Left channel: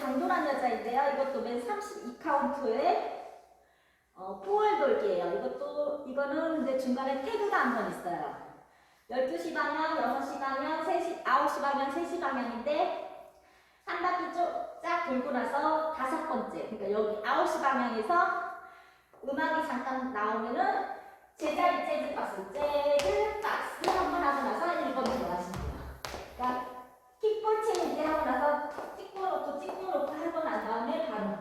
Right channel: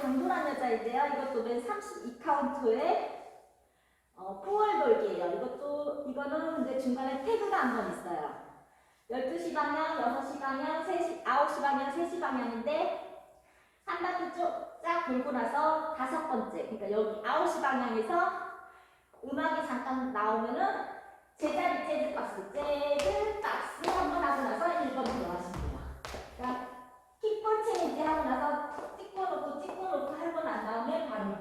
당돌한 여자인데요. 이것도 맨 32카운트에 어, 포월 돌기예요. 이것도 이거는 이제 중간에 태그가 한 번 있어요. 12시 방향, 6시 방향, 3시, 9시 방향, 3시 방향인데 한 바퀴 쭉쫙 돌고 나서 다섯 번째, 그러니까 여기 9시 방향에서 음악이 잠깐 나오면은 제자리 재즈 박스, 재즈 박스 한 번 하고 나서 1번 들어가시면 돼요. 놓고 찍고 놓고 하고 난 다음에 바로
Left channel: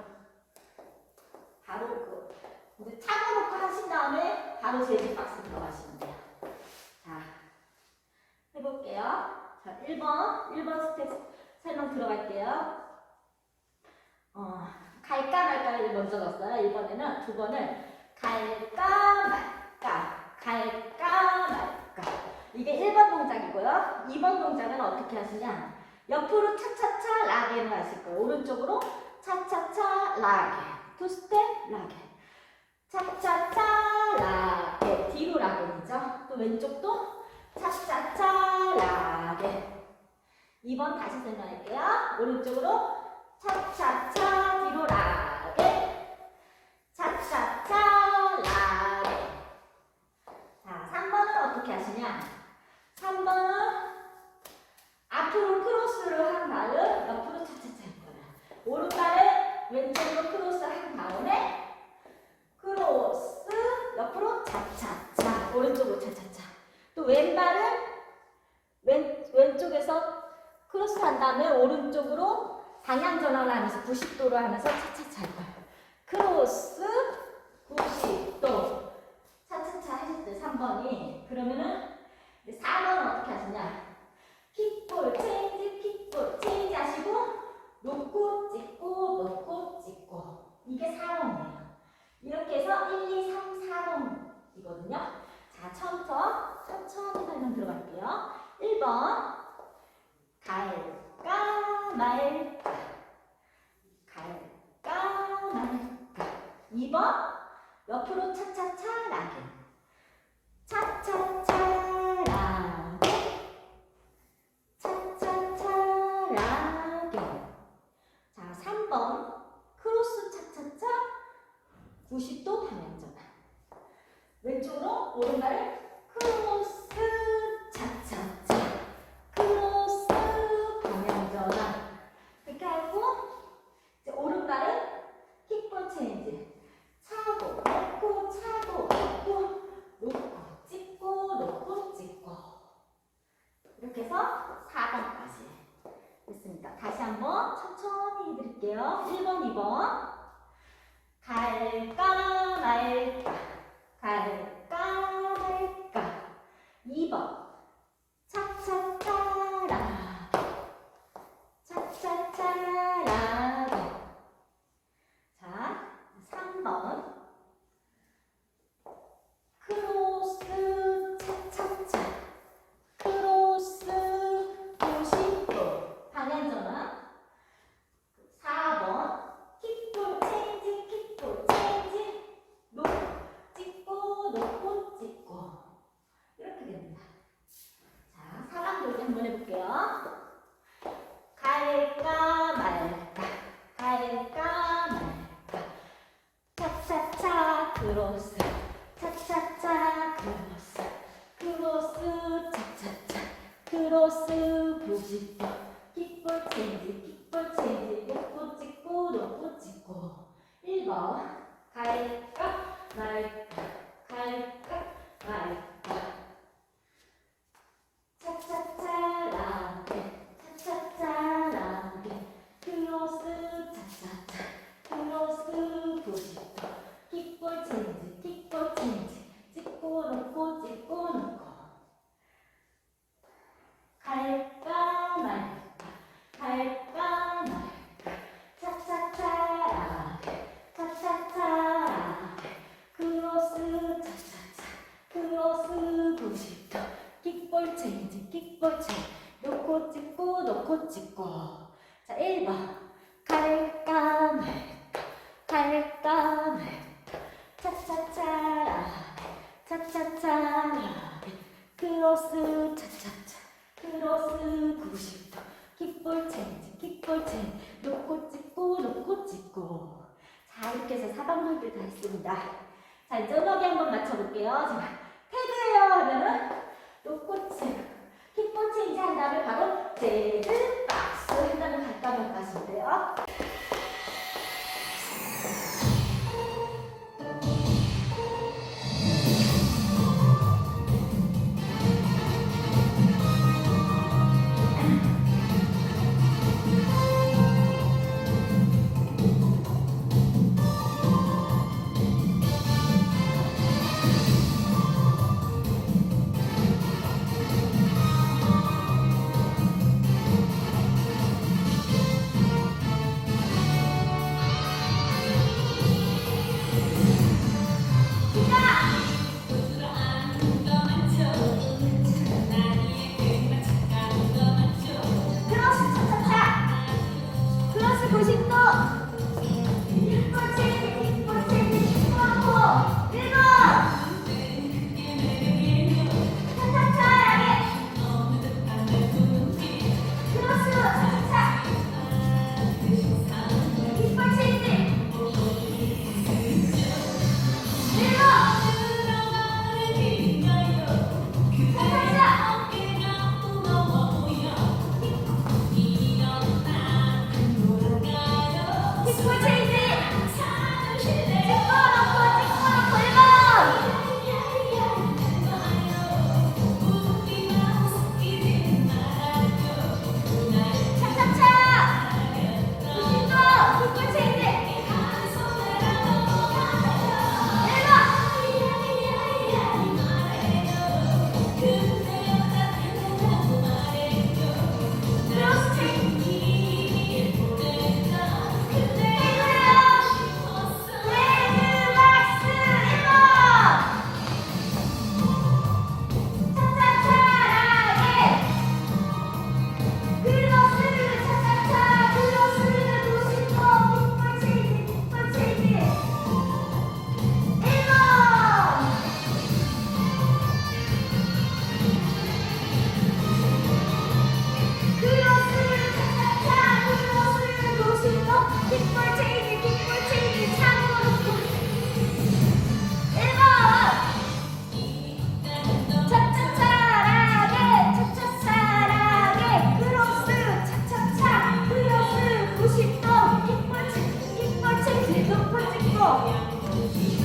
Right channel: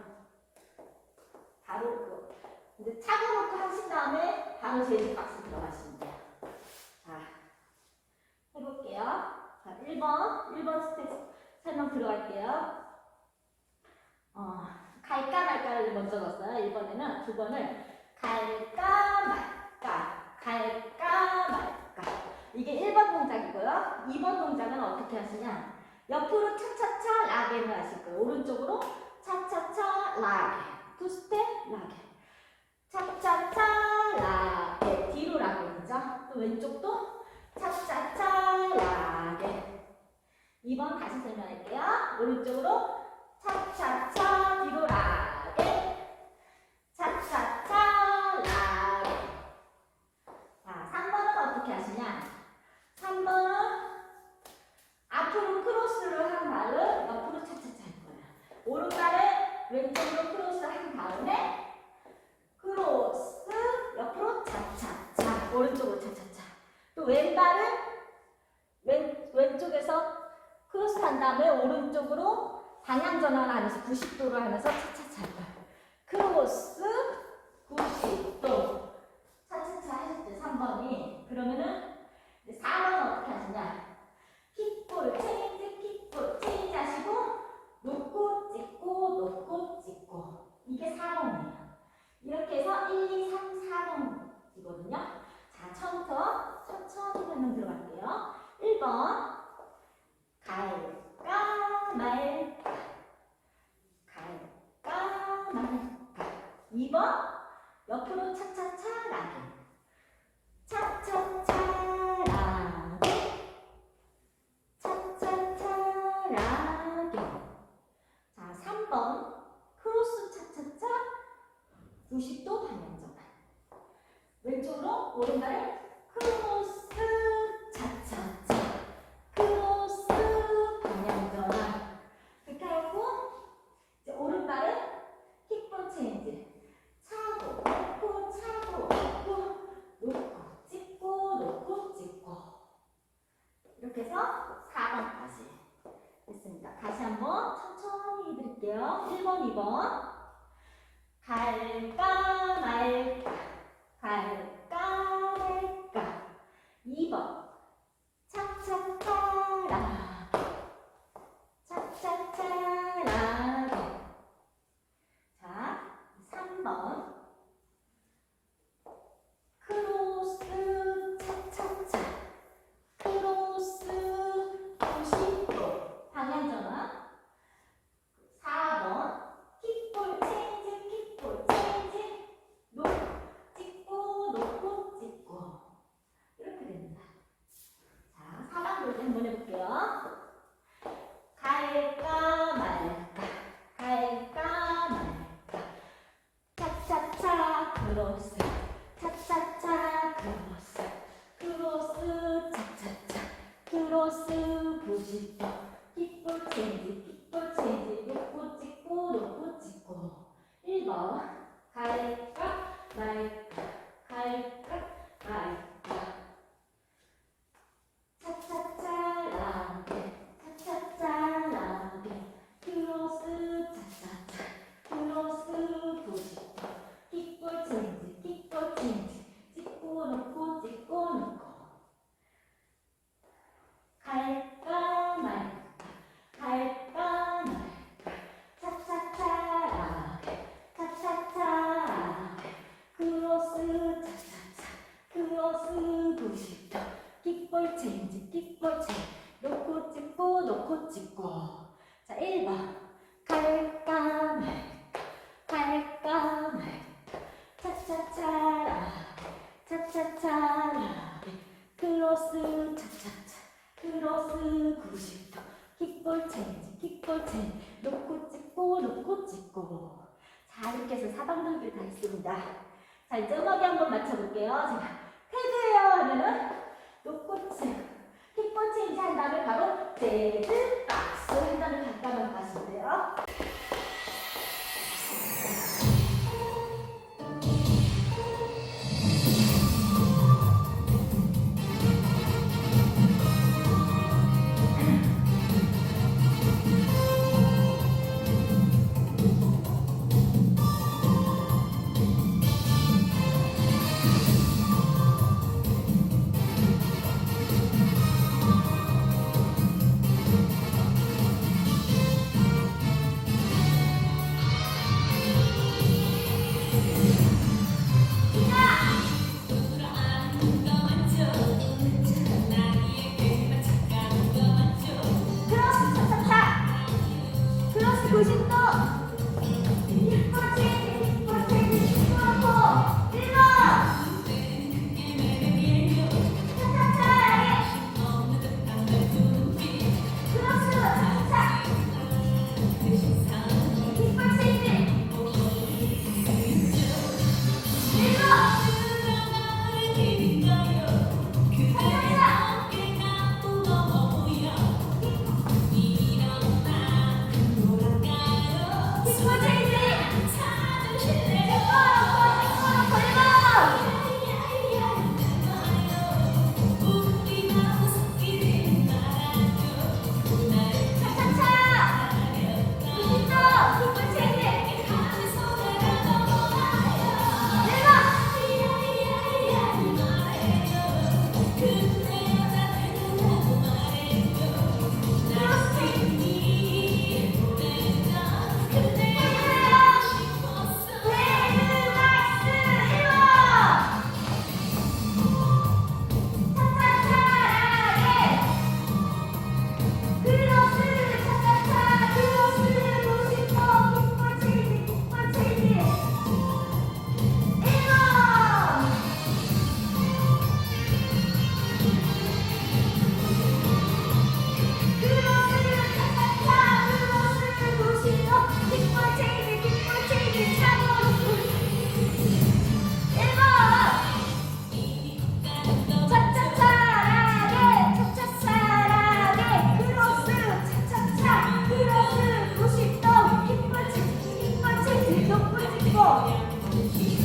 바로 그 이제 차고 놓고 하신 다음에 바로 재즈 박스 들어가시면 돼요. 자 해볼게요. 자 1번 1번 스텝 설명 들어갈게요. 어 갈까 말까를 먼저 넣었어요. 이번에는 두 번을 갈까 말까 갈까 말까 이게 1번 동작이고요. 2번 동작은 어떻게 하시냐 옆으로 차차차 라게를 하실 거예요. 오른쪽으로 차차차 라게 두 스텝 라게 차차차 라게 뒤로 라게이죠. 또 왼쪽도 차차차 라게 2번 다시 설명할게요. 오른쪽으로 차차차 뒤로 라게 차차차 라게 자 3번은 어떻게 하시냐 3번은 앞으로 크로스를 한 다음 옆으로 차차차 할 거야 오른발을 왼쪽으로 크로스 한 다음에 크로스 옆으로 차차차 오른쪽으로 차차차 또 왼발은 왼, 왼쪽에서 크로스 한 다음에 오른쪽으로 방향 전환을 하면서 90도로 하면서 차차차 할 거예요. 크로스 90도 차차차 때 3번이 그러면은 이제 4번은 어떻게 하시냐 킥볼 체인지 킥볼 체인지 하시고 놓고 찍고 놓고 찍고 이게 4번이에요. 이렇게 해서 1, 2, 3, 4번이거든요. 자 처음부터 천천히 설명 들어갈게요. 1번 말까 갈까? 말까 2번? 옆으로 차 크로스 차차차 크로스 90도 킥볼 체인지 킥볼 체인지 놓고 찍고 놓고 찍고. 1번 갈까 말까 갈까 말까 차차차라게 차차차라게 크로스 차차차 크로스 90도 킥볼 체인지 킥볼 체인지 찍고 놓고 찍고 놓고 갈까 말까 갈까 말까 차차차라게 차차차라게 크로스 차차차 크로스 90도 킥볼 체인지 킥볼 체인지 놓고 찍고 찍고. 자 1번. 갈까 말까 갈까 말까. 차차차라게 차차차라게 크로스 차차차. 크로스 90도. 킥볼 체인지 킥볼 체인지 놓고 찍고 찍고 놓고 찍고. 자 이렇게 해서 사방돌기를 다 했습니다. 자 이제 음악이 한번 맞춰볼게요. 제가 태그예요. 하면은 놓고 찍 첫 번째 인제 한다면 바로 데드 박스 한 다음에 간단한 박스인데요. 同样的吉